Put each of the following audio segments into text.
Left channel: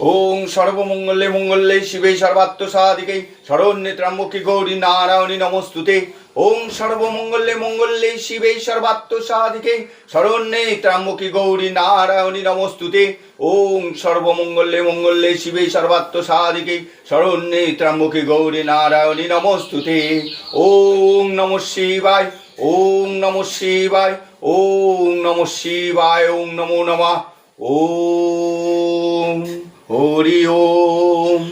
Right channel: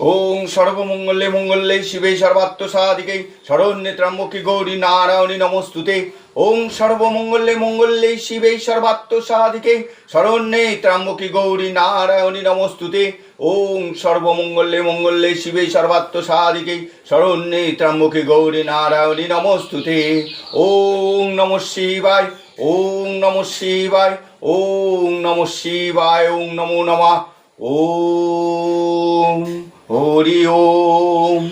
ওং সর্বমঙ্গলে মঙ্গলে শিবে সর্বাত্ম সাধিকে শরণ্যে ত্র্যম্বকে গৌরী নারায়ণী নমস্তুতে। ওং সর্বমঙ্গলে মঙ্গলে শিবে সর্বাত্ম সাধিকে শরণ্যে ত্র্যম্বকে গৌরী নারায়ণী নমস্তুতে। ওং সর্বমঙ্গলে মঙ্গলে শিবে সর্বাত্ম সাধিকে শরণ্যে ত্র্যম্বকে গৌরী নারায়ণী নমস্তুতে। ওং নমঃ শিবায়, ওং নমঃ শিবায়, ওং নমঃ শিবায়, ওং নমো নমঃ। ওম হরি ওম।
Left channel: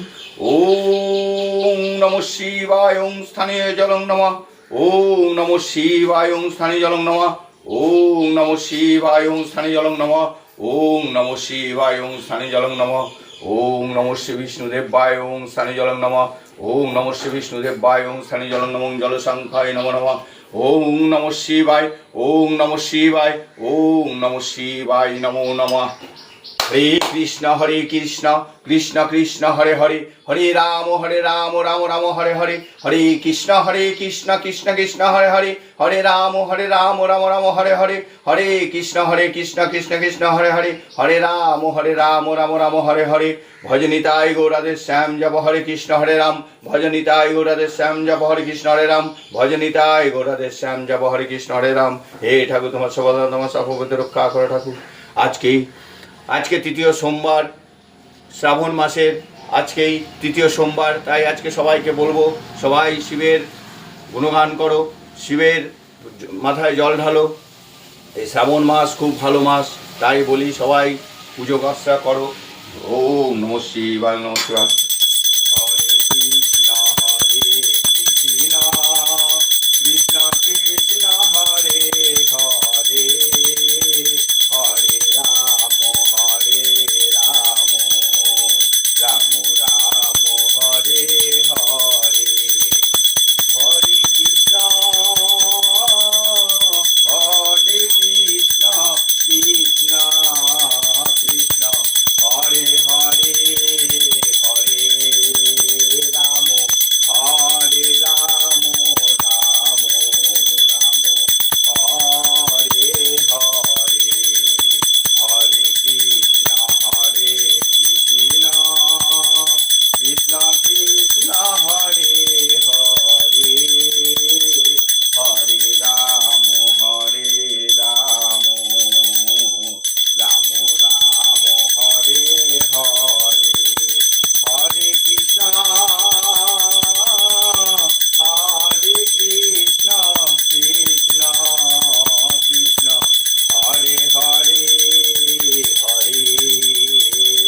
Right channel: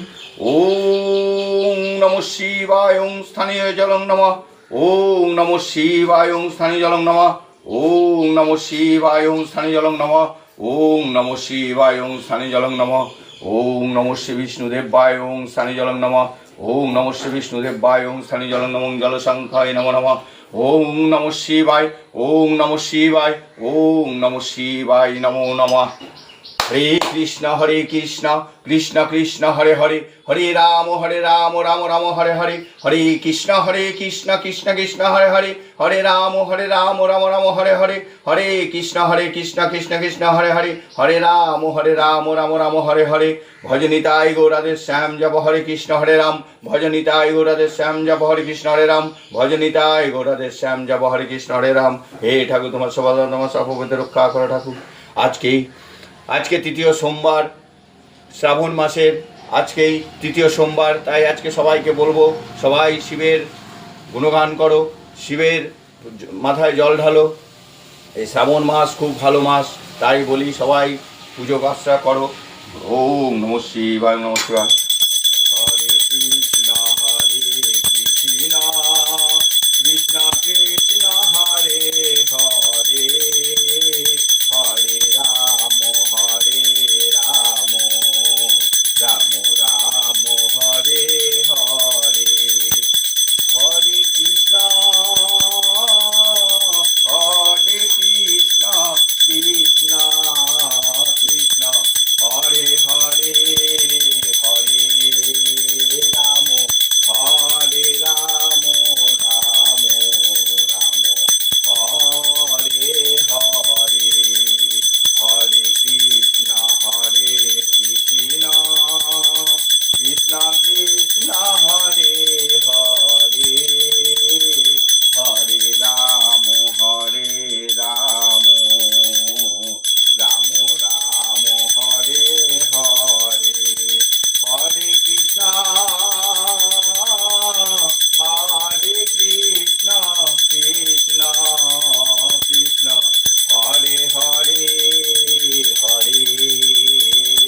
ওম নমঃ শিবায়, ওং স্থানীয় জলং নমঃ। ওম নমঃ শিবায়, ওং স্থানীয় জলং নমঃ। ওম নমঃ শিবায়, ওং স্থানীয় জলং নমঃ। ওম নমঃ শিবায়, ওং স্থানীয় জলং নমঃ। ওম নমঃ শ্রী বিষ্ণুদেবায়, ওং স্থানীয় জলং নমঃ। ওম নমঃ শ্রী বিষ্ণুদেবায়, ওং স্থানীয় জলং নমঃ। জলসংখ্যায় নমো নমঃ। ওম নমঃ শিবায়, ওম নমঃ শিবায়, ওম নমঃ শিবায়, নমো নমঃ। হরে কৃষ্ণ কৃষ্ণ কৃষ্ণ হরে হরে, হরে রাম রাম রাম হরে হরে, হরে কৃষ্ণ কৃষ্ণ কৃষ্ণ হরে হরে, হরে রাম রাম রাম হরে হরে, হরে কৃষ্ণ কৃষ্ণ কৃষ্ণ হরে হরে, হরে রাম রাম রাম হরে হরে। ভজনিতায় গৌরাধে শ্যাম জপ হরে কৃষ্ণ হরে রাম, ভজনিতায় গৌরাধে শ্যাম জপ হরে কৃষ্ণ হরে রাম, ভজনিতায় গৌরাধে শ্যাম জপ হরে কৃষ্ণ হরে রাম। হে ঠাকুর, তোমার সর্বদা তোমার সর্বপদে রক্ষা করো ঠাকুর। আজকে তৃতীয় সোমবার, শ্রাবণ মাসের আজকেই তৃতীয় সোমবার, তাই আজকে সবাইকে বলবো, সবাই শিবের গুণগান করো, শিবের মাথায় জল ঢালো। এই শ্রাবণ মাস খুব ভালো মাস, তাই বলি সবাই পুজো কাজটা করো। ওম নমঃ শিবায়, নমঃ শিবায়।